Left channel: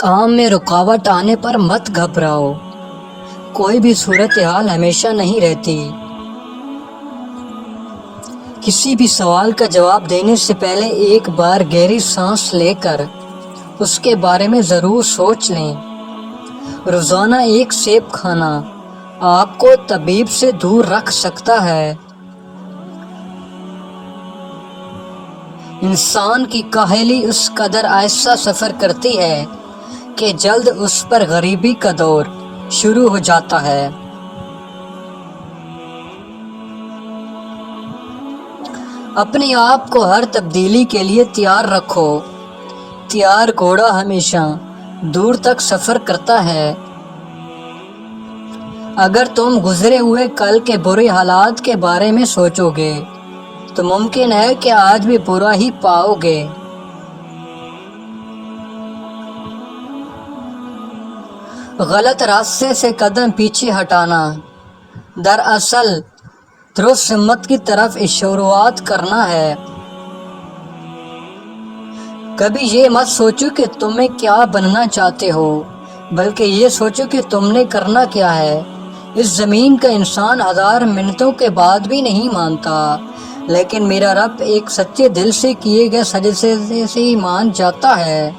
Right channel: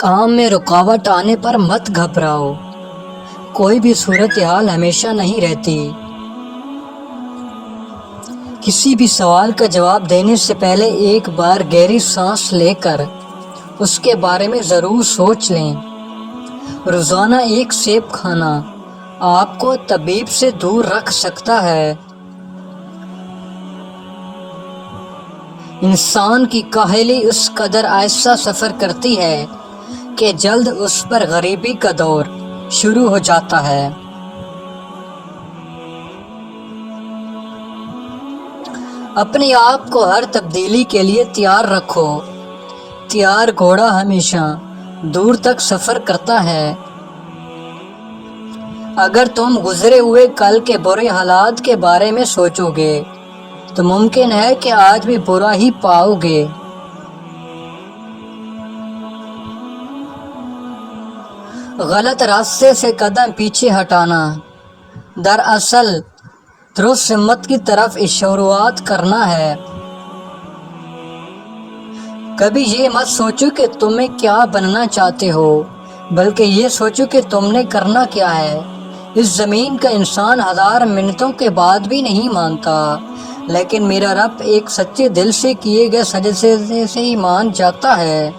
کام میں رکاوٹ آنے پر مت گھبراؤ، کوئی بھی صورتحال ہمیشہ نہیں رہتی۔ کسی بھی سوال کا جواب دینے سے پہلے ایک بار گہری سانس لے کر اس کے بارے میں ضرور سوچ لیں۔ روزانہ ایک سیب کھانا آپ کو طبیب سے دور رکھ سکتا ہے۔ انسان کی کاہلی اس قدر ایسا سفر کرتی ہے کہ جلد اس پر غریبی کا دور شروع ہو جاتا ہے۔ اپنے آپ کو ہر تبدیلی کے لیے تیار رکھو۔ تیار گھوڑا ہمیشہ دور تک سفر کرتا ہے۔ اگر تم گزرے ہوئے کل کے برے حالات کے بارے میں سوچو گے تو ممکن ہے کہ آج بھی برا ہی پاؤ گے۔ غلط راستے سے قدم پیچھے ہٹانا دراصل درست سمت کی طرف شروعات کرنا ہے۔ کبھی یہ مت سوچو کہ تمہیں کیا بننا چاہتے ہو، بلکہ یہ سوچو کہ تم نے کرنا کیا ہے۔ اس زمین کا انسان 1000 منتوں کے بعد بھی نہیں مانتا، لیکن میرا رب ایک سچے دل سے کیے گئے سجدے سے ہی مان جاتا ہے۔